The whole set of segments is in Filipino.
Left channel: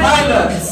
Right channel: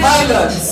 Pilots.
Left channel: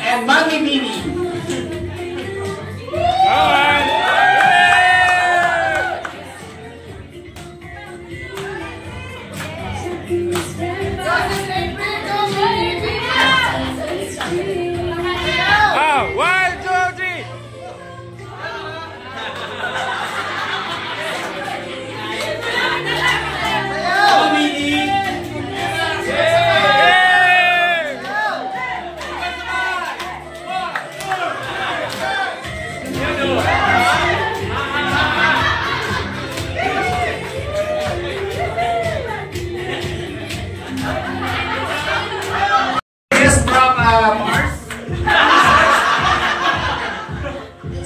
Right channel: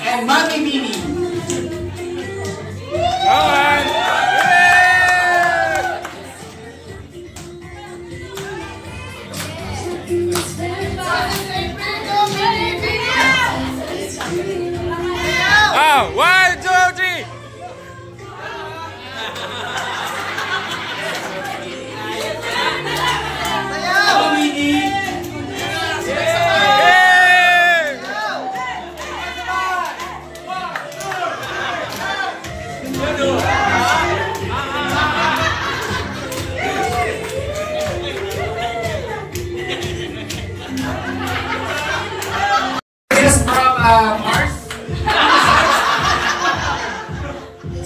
And Mommy Mimi. Go on. Oh, 1, 2, 3.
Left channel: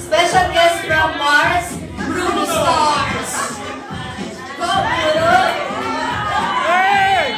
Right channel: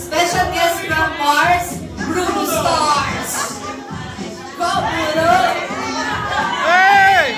Special guest from Mars, Bruno Stars. Go, Bruno! Hey!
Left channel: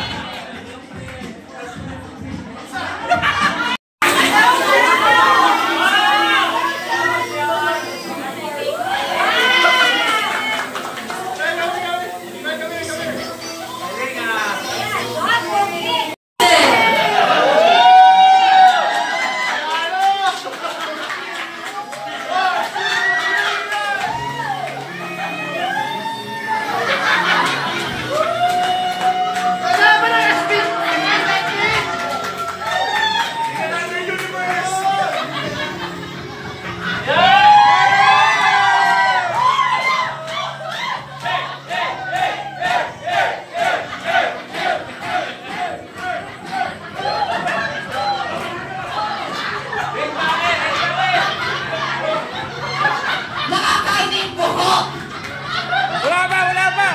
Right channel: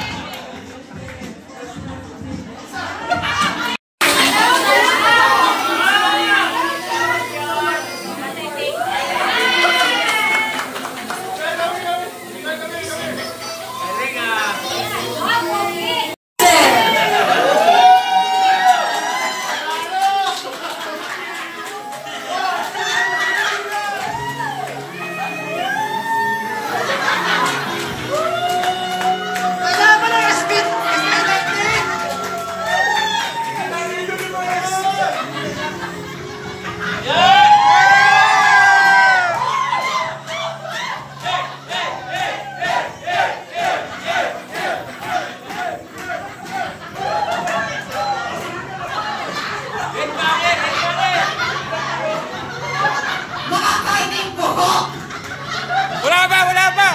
Wala pa!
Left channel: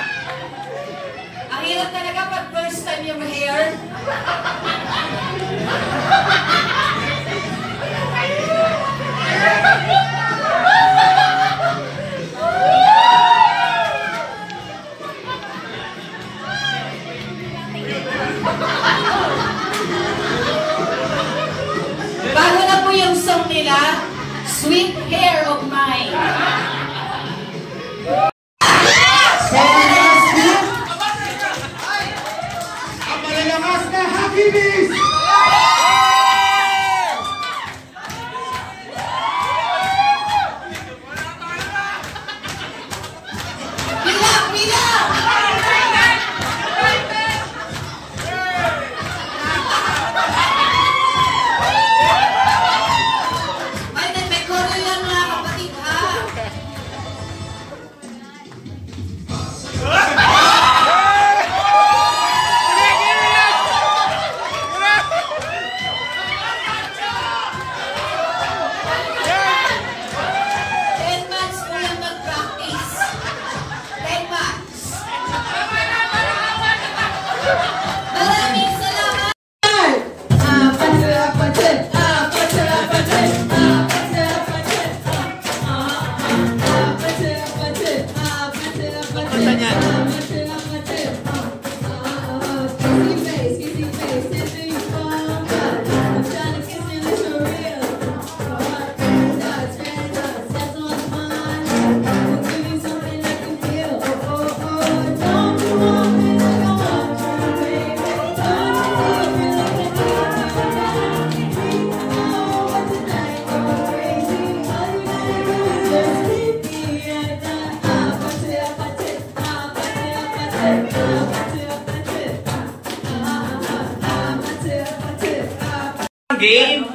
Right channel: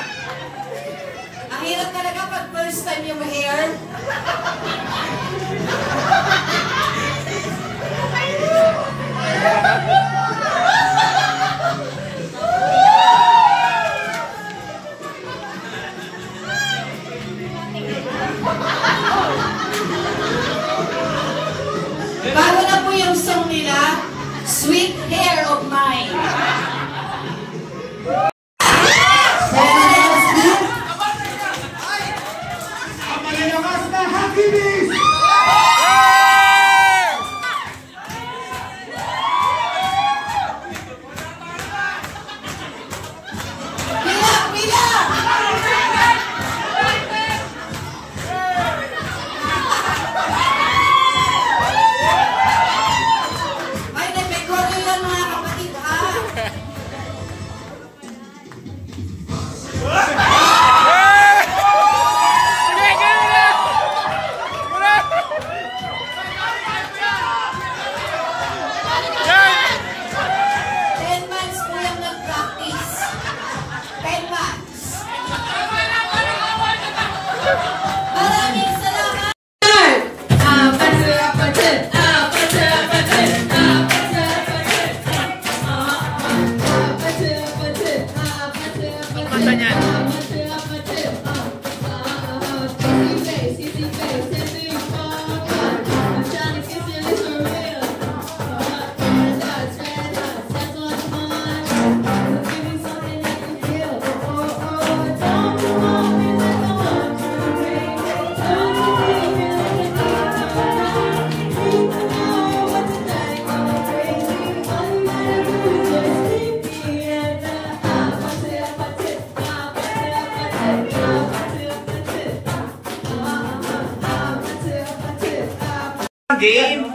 Ang hirap talaga pag first time yung hair. Bago na po yung song nila, Sweet Hair of Mine.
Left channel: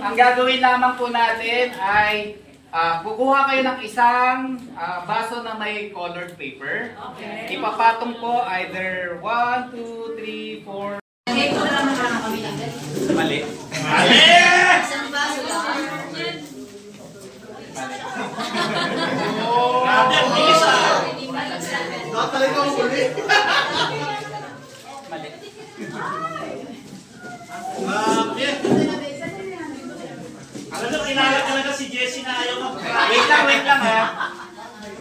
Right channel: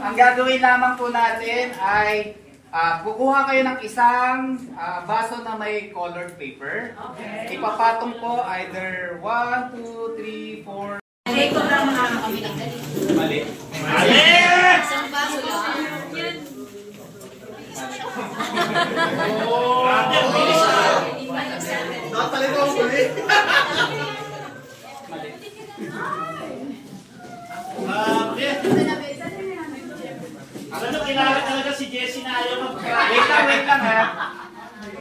ang gagawin lamang po natin ay kukuha kayo ng isang baso na may colored paper. Okay. Ipapatong po either 1, 2, 3, 4. Mali. Mali! Isang baso lang. Grabe, ang bilis ah. Nakatalit ako ulit. Mali. Ano, kilala talaga si Jessie na ayaw mag- Wait lang ha.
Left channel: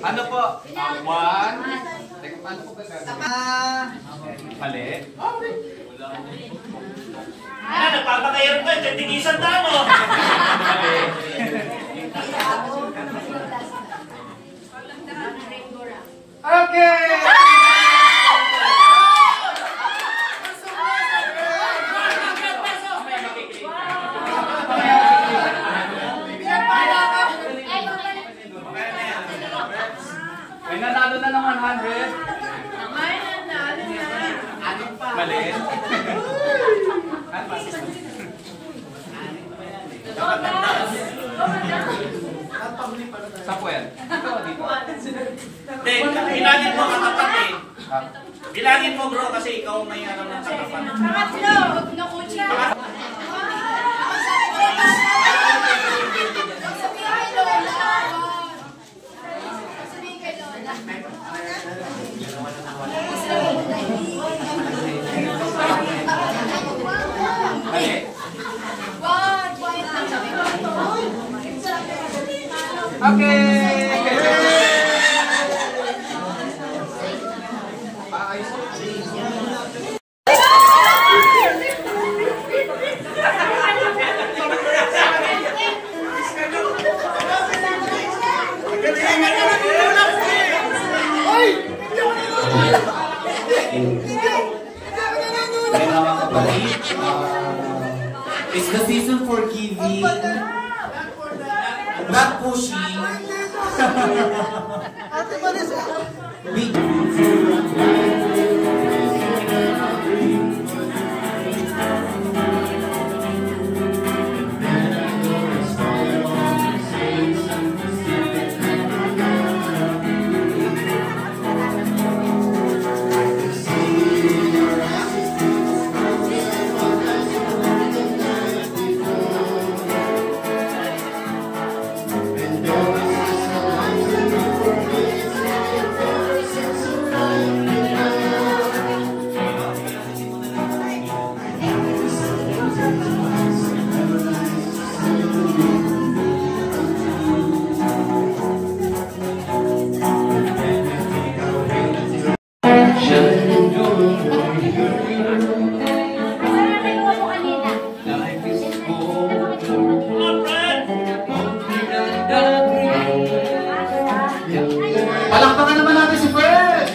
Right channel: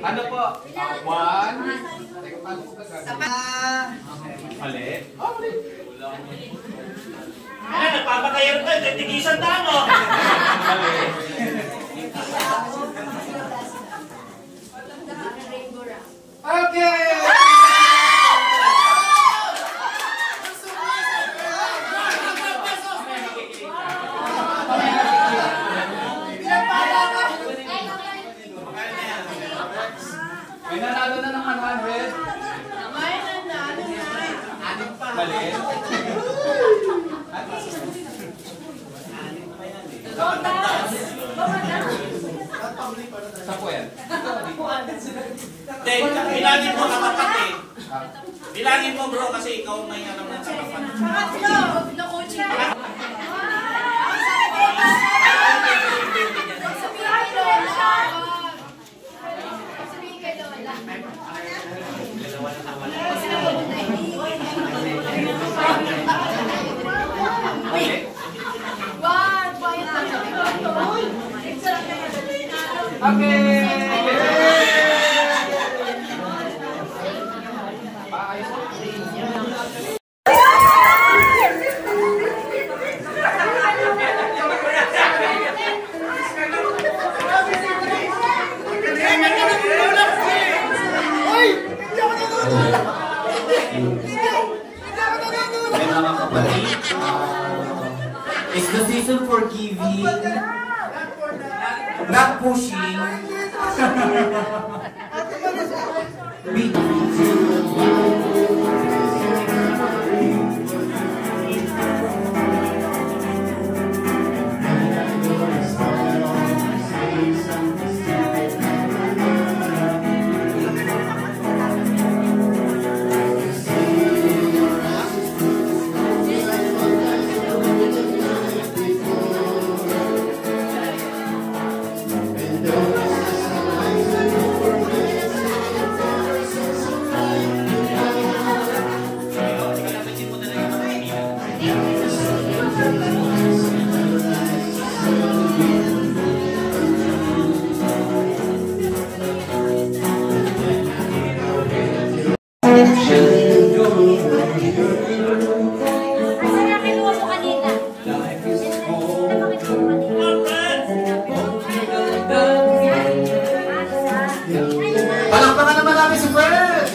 Ano po? 1. Teka, paano po ba gagawin? Mali. Ano, nagpapakayam ka, titigisan na mo. Mali. Okay! May nanalo na ng 100. May nanalo na. Mali. Sa puwan. Hindi, bilangin mo katapat eh. Bilangin mo bro kasi ikaw may alam ng katapat. Pangatlo, huwag na kutsa. Sabihin kay Lola. Mali. Okay! Paayos ko. Mga kapatid, it's the season for giving, not pushing. Palakpakan naman natin si Fred!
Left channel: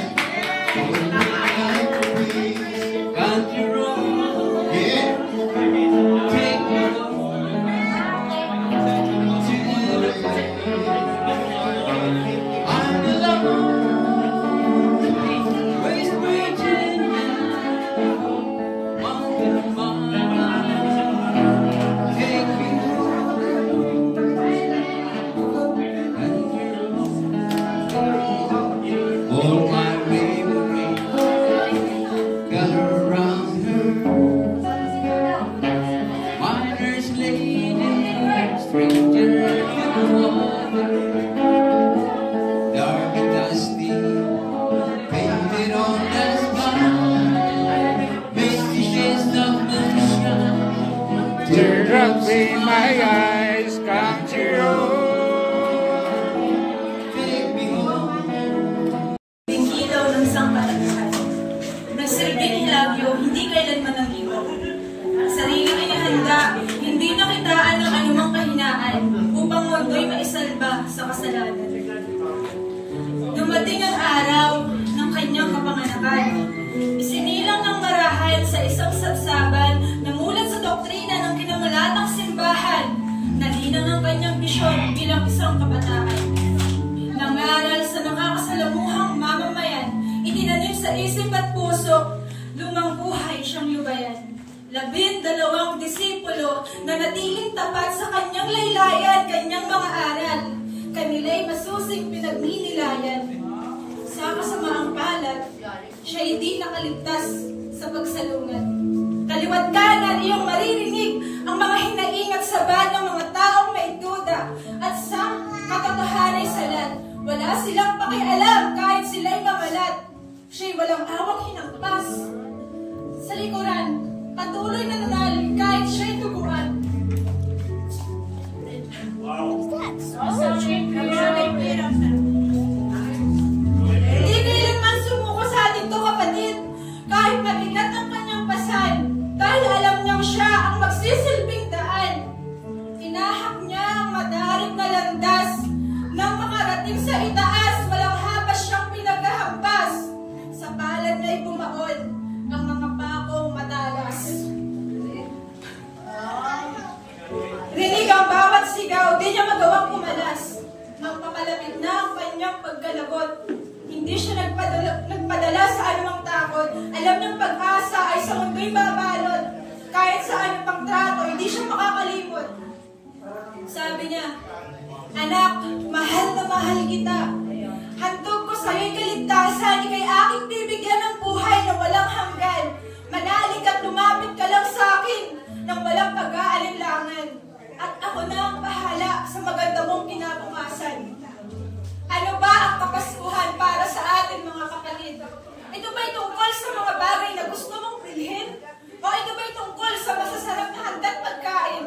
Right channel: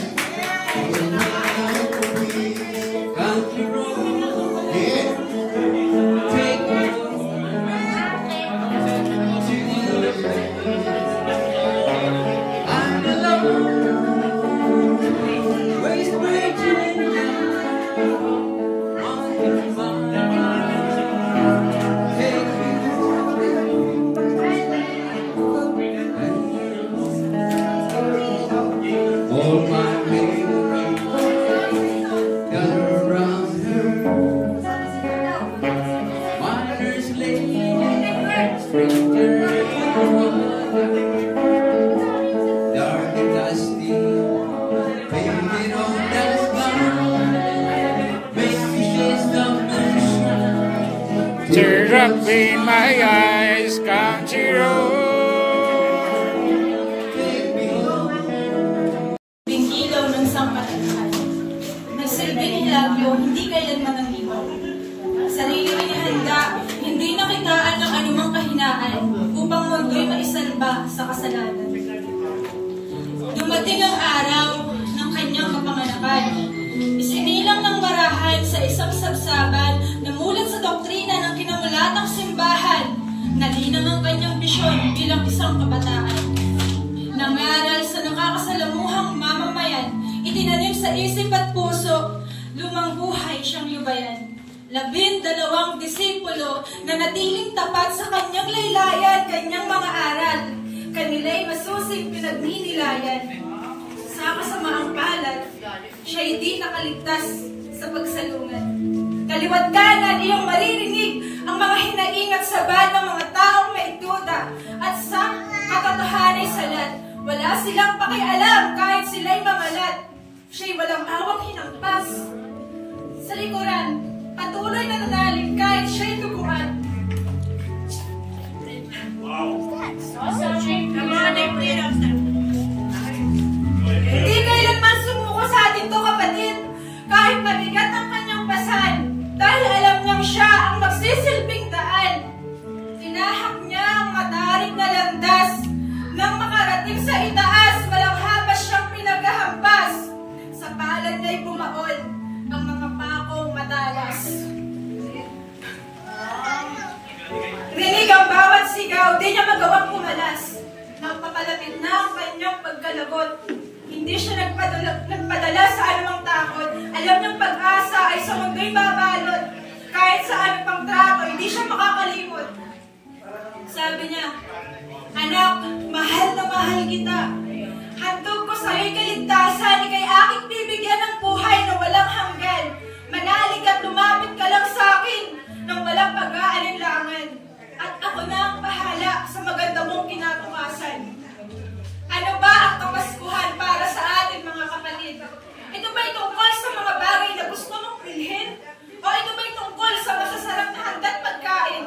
Tears up in my eyes, country road. Bingkilaw ng sampalatan. Nagsilbing hilabyo, hindi kailanman ng iba. Sariling inihanda, hindi nakitaan ng anumang kahinaan upang mundo'y maisalba sa kasalanan. Dumating ang araw ng kanyang kapanganakan. Isinilang ng marahan sa isang sabsaban na mulat sa doktrina ng kinamulatang simbahan. Nalinang ang kanyang bisyon bilang isang kabataan. Nangaral sa nakakasalamuhang mamamayan, itinanim sa isip at puso, lumang buhay siyang lubayan. 12 disipulo na natiling tapat sa kanyang laylayan, kanyang mga aral. Kanila'y masusing pinagminilayan. Sa kasamaang palad, siya'y di nakaligtas sa pagsalungat. Kaliwat kanan iyong maririnig ang mga hinaing at sabad ng mga taong may duda at sa katotohanay salat. Wala silang pakialam kahit sila'y mamalat. Siya'y walang awang hinampas. Sa likuran, patuloy na nanalig kahit siya'y tuguan. Hindi kailanman sumuko sa atin to, kapatid, kahit mabigat ang kanyang pasan, dahil alam niyang siya ang magsisilbing daan. Tinahak niya ang matarik na landas, nang makarating sa itaas, walang habas siyang pinaghahampas. Sa palad niya'y bumaon ang mga pakong matalas. Rinig ang bawat sigaw, di niya magawang pumalas. Nang papalapit na ang kanyang pagkalagot, hindi siya nagpadala sa anumang takot. Alam niyang pag-asa ay sa mundo'y babalot. Kahit sa anong pang trako, hindi siya makakalimot. Sabi niya, anak, mahal na mahal kita. Handog ko sa'yo'y kaligtasan, ika'y aking bibigyan ng buhay na walang hanggan. Manalig at lumapit ka lang sa akin nang walang pag-aalinlangan. At ako na ang bahala sa maganda mong kinabukasan. Ano ba ang kapaskuhan para sa atin, mga kapatid? Ito ba'y tungkol sa mga bagay na gusto mong bilhin? O ito ba'y tungkol sa masasarap na handa't pagkain?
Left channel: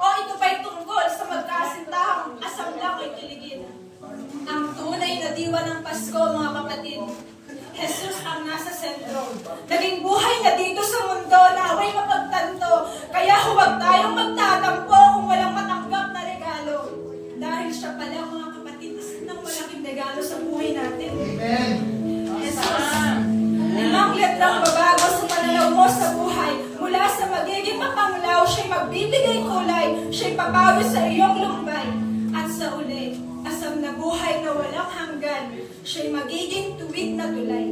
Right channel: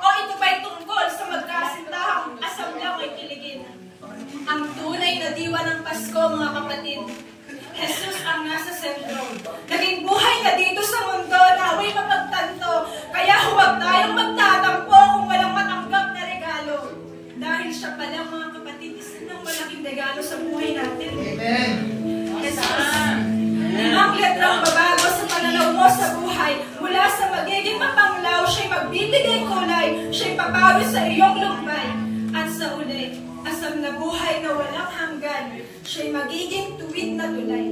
O ito ba'y tungkol sa magkasintahang asam lang ay kiligin? Ang tunay na diwa ng Pasko, mga kapatid, Jesus ang nasa sentro. Naging buhay na dito sa mundo na away mapagtanto. Kaya huwag tayong magtatampo kung walang matanggap na regalo. Dahil siya pala, mga kapatid, isa ng malaking regalo sa buhay natin. Amen. Jesus, 5 letrang babago sa pananaw mo sa buhay. Mula sa magiging mapanglaw, siya'y magbibigay kulay. Siya'y papawi sa iyong lumbay. At sa uli, asam na buhay na walang hanggan, siya'y magiging tuwid na tulay.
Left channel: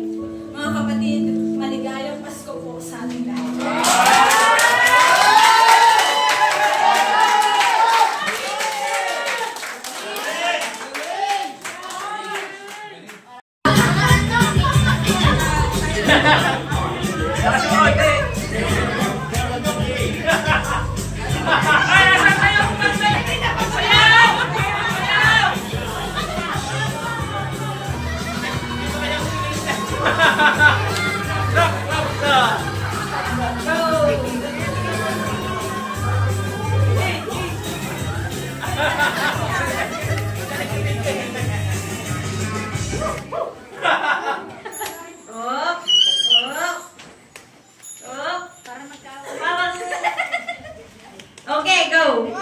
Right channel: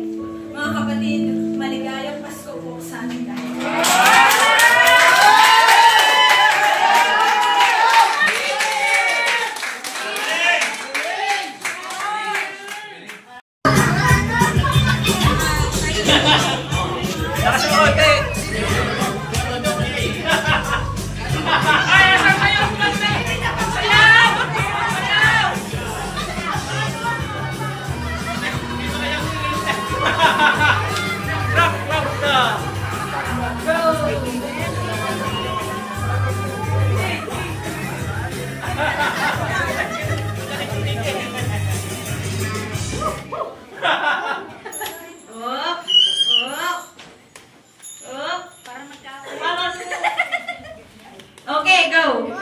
Mga kapatid, maligayang Pasko po sa ating lahat. Okay, go!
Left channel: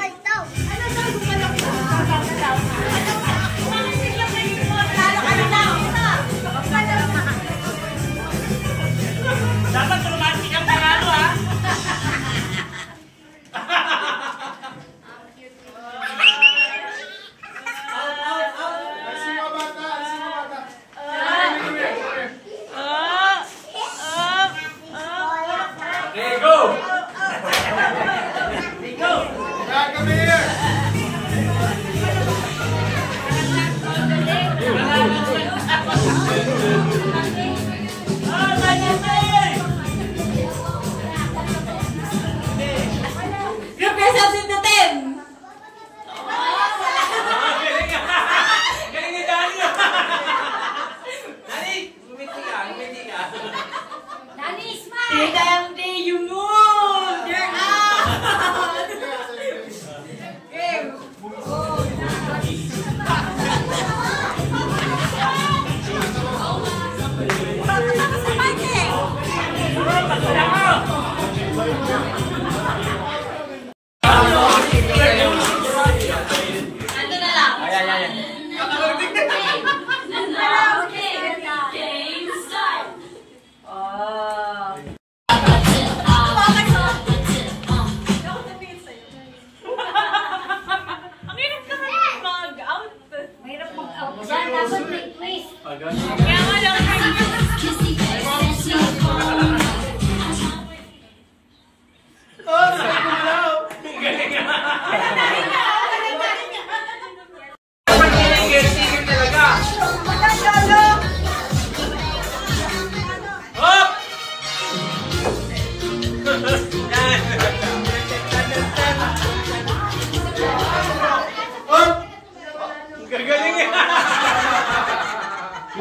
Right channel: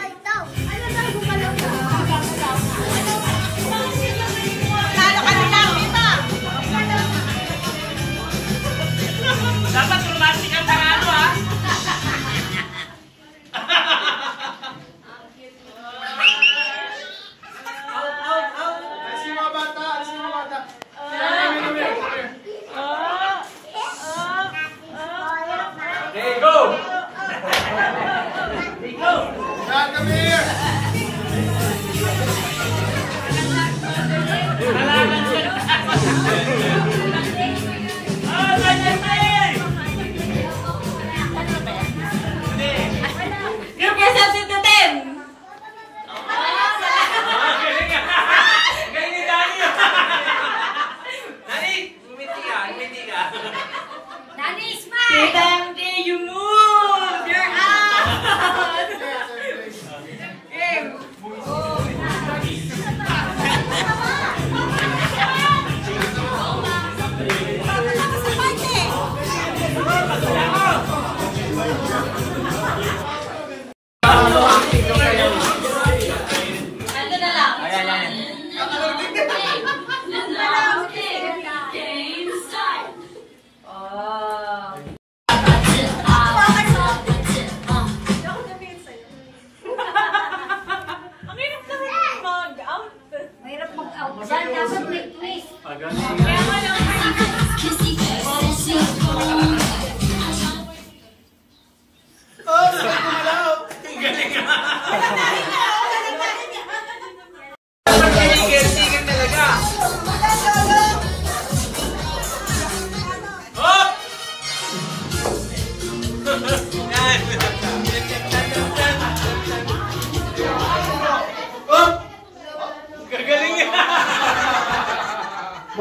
Dapat romantic ang pangalo, ha? Okay, go! Come here! Group yourselves into 10! Galing Dani! Dani, umiti ka. Nani, smile! TMD, you move! You're out! Game! Ando na lang. Ang hirap kasi mag-out. Mahirap mag-out dyan. Dapat may twist. Kaya nga lang.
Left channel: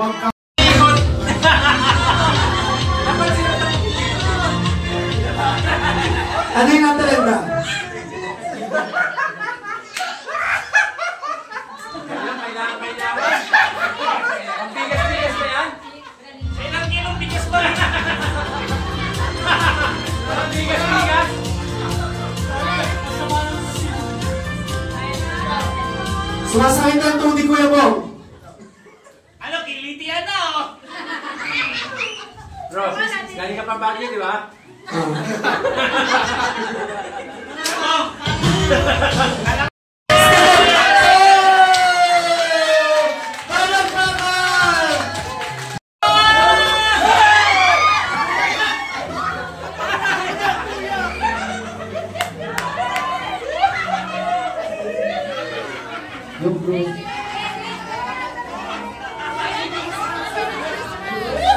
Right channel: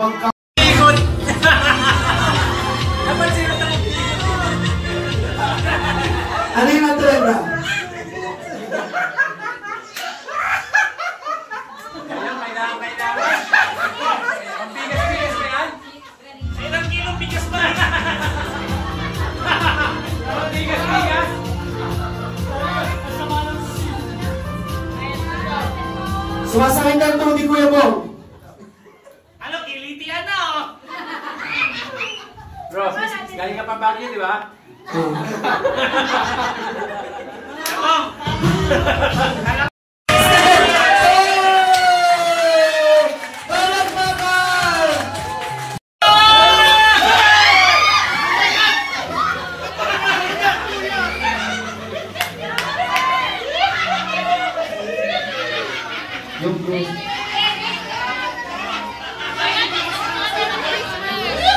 Huwag ka. Ano yung natalanda? Ilang kilong bigas ba? Sumasakay ka ang tubig, Kuya Bong. Ano, kiliti yan na oh! Bro, galing ka pa Baguio, di ba?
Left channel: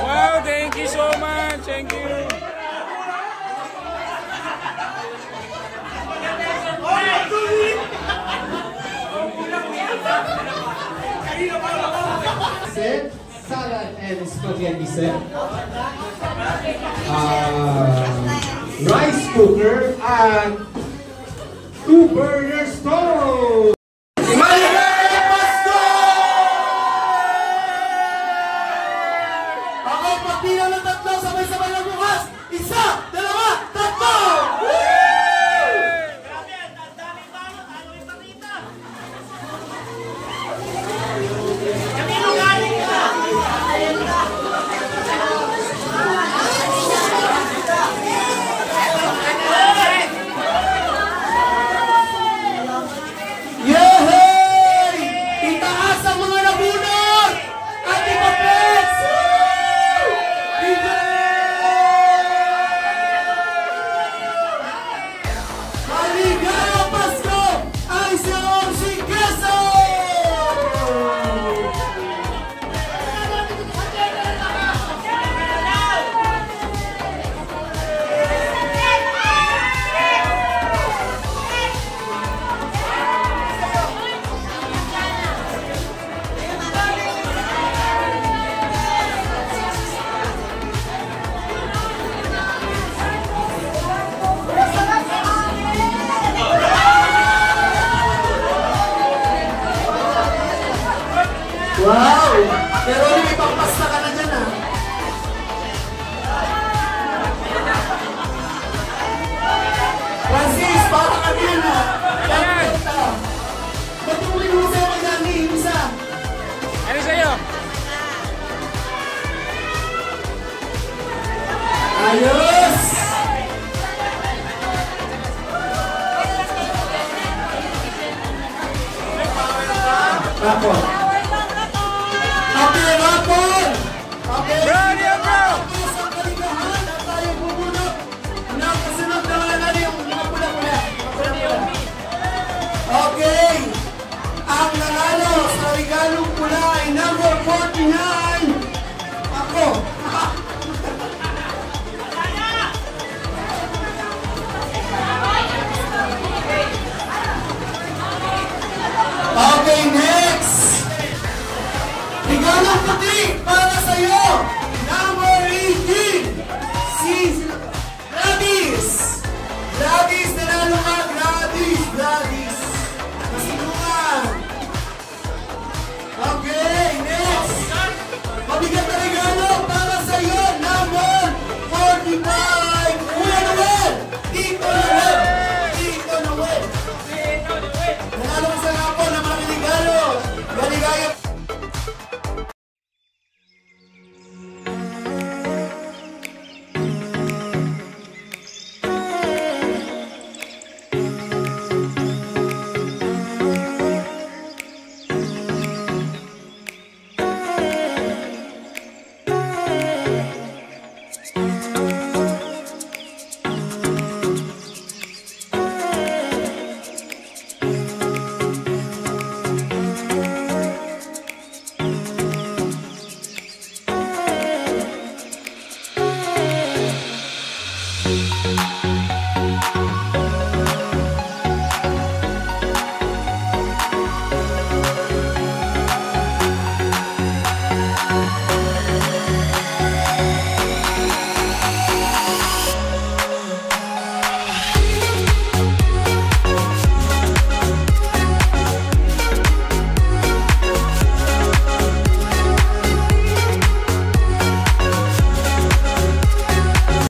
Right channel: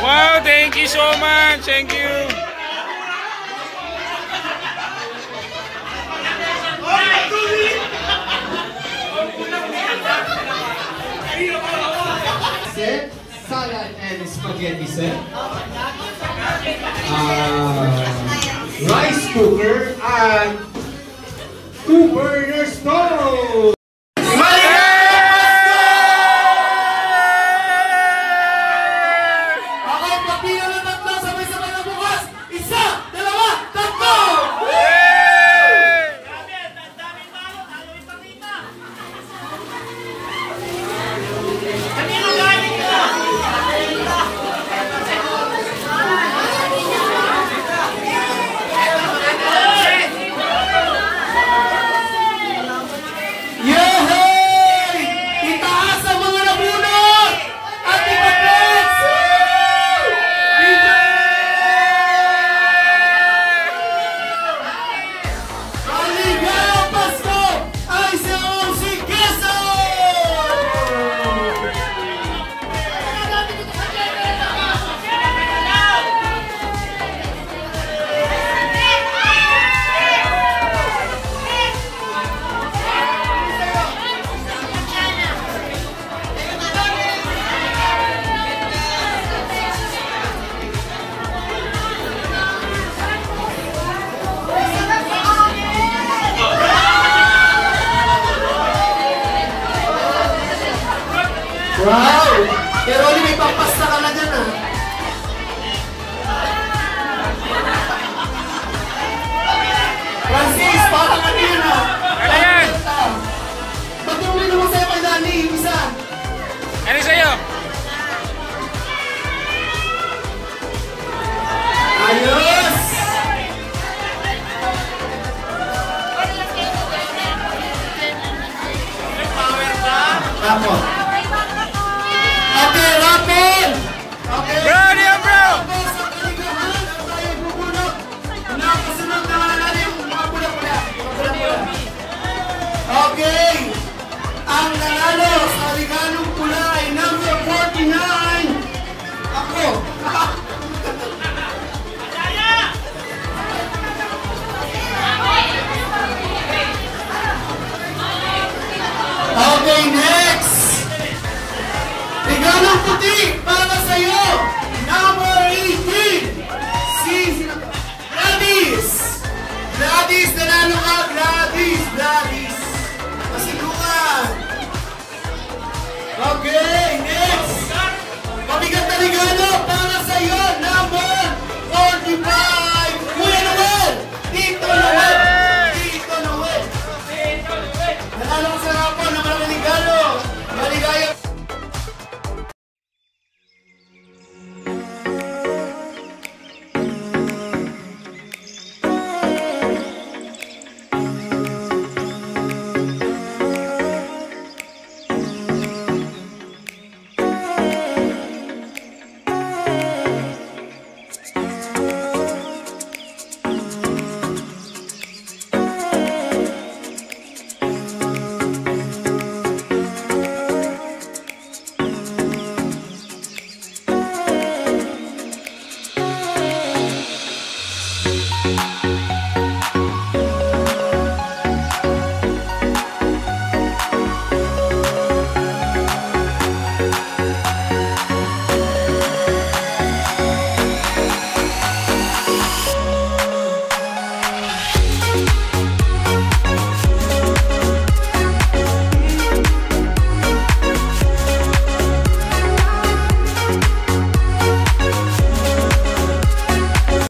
Wow, thank you so much. Thank you. Set, salad and spaghetti set. Rice cooker and 2-burner stove. Ako magpila ng tatlo, sabay-sabay na bukas. Isa, dalawa, tatlo! Yehey! Itaas ang mga nabunot! At ipag-flex! Maligayang Pasko ay si Orsi Quezon! Wow! Pero may pampasta ka na dyan, ah. Francis, parang kanina. Ano yan? Ba't yung ulit mo sa'yo kay Dani, yung isa? Ano sa'yo? Ayos! Ako. Okay, Rapol! Okay. Bro, ano yan, bro? Tapos ang kaligahan at tayo bubulok ng kasunod na alala yung mga pula-pula. Okay! Ang nanalo sa regalong pula ay number 49! Ako! Okay, next! Regalong puti para sa'yo!